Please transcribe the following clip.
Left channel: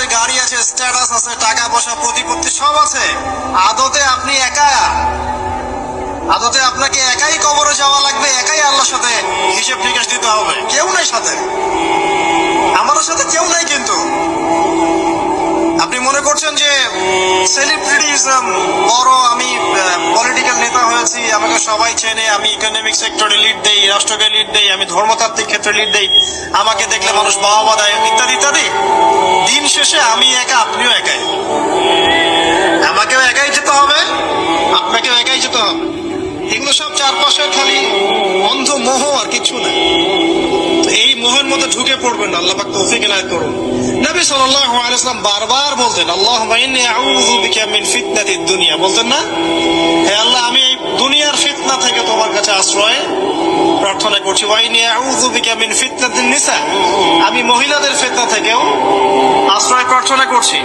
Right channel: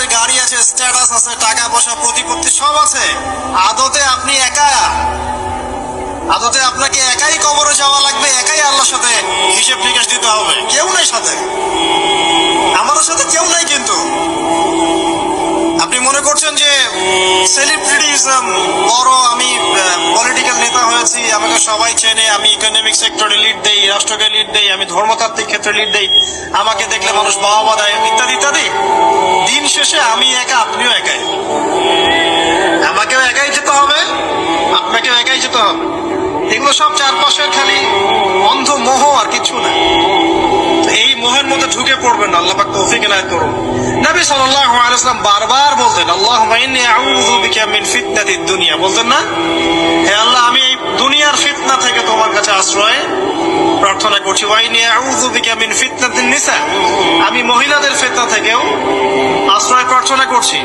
আছে, গাড়ি আছে, স্ট্যাটাস আছে, টাকা পয়সা, প্রতিপত্তি সব আছে, আদতে আপনি একা। আদতে আপনাকে একাই কবরে যাওয়া লাগবে, একাই আল্লাহর সাথে হিসেব নিকাশ দিতে হবে। কেউ নাই সাথে, আমাদের সাথে কেউ নাই। কিন্তু আপনি মনে করছেন যে সেলিব্রিটিজম, বড় আমি পলিটিক্যাল নেতা হয়েছি, আমাকে সবাই চেনে, আমি ইকোনমিক সেক্টরে লিড দেই, রাষ্ট্রকে লিড দেই, আমি ধর্মতাত্ত্বিক ক্ষেত্রে লিড দেই, আমাকে দেখলে মানুষ বাবা দেয়, ইত্যাদি ইত্যাদি। দিন শেষে আমি একা, আপনিও একাই। আমাকেও একাই যেতে হবে, আপনাকেও একাই যেতে হবে। এগুলো সব চারপাশের খালি অন্ধ মোহ, আর কিছু না। এই মোহের মধ্যে ঢুকে পড়বেন, আল্লাহ পাক তৌফিক এনায়েত করুন। নবী সাল্লাল্লাহু আলাইহি ওয়াসাল্লাম বারবার বলতেন, আল্লাহুম্মা ইন্নী আউযু বিকা মিন ফিতনাতিদ দুনিয়া, বলতেন না? হে আল্লাহ, আমি দুনিয়ার ফিতনা থেকে তোমার কাছে আশ্রয় প্রার্থনা করছি। ওয়া ইন্নী আউযু বিকা মিন ফিতনাতিন নিসা, আমি মহিলাদের ফিতনা থেকেও আশ্রয় প্রার্থনা করছি।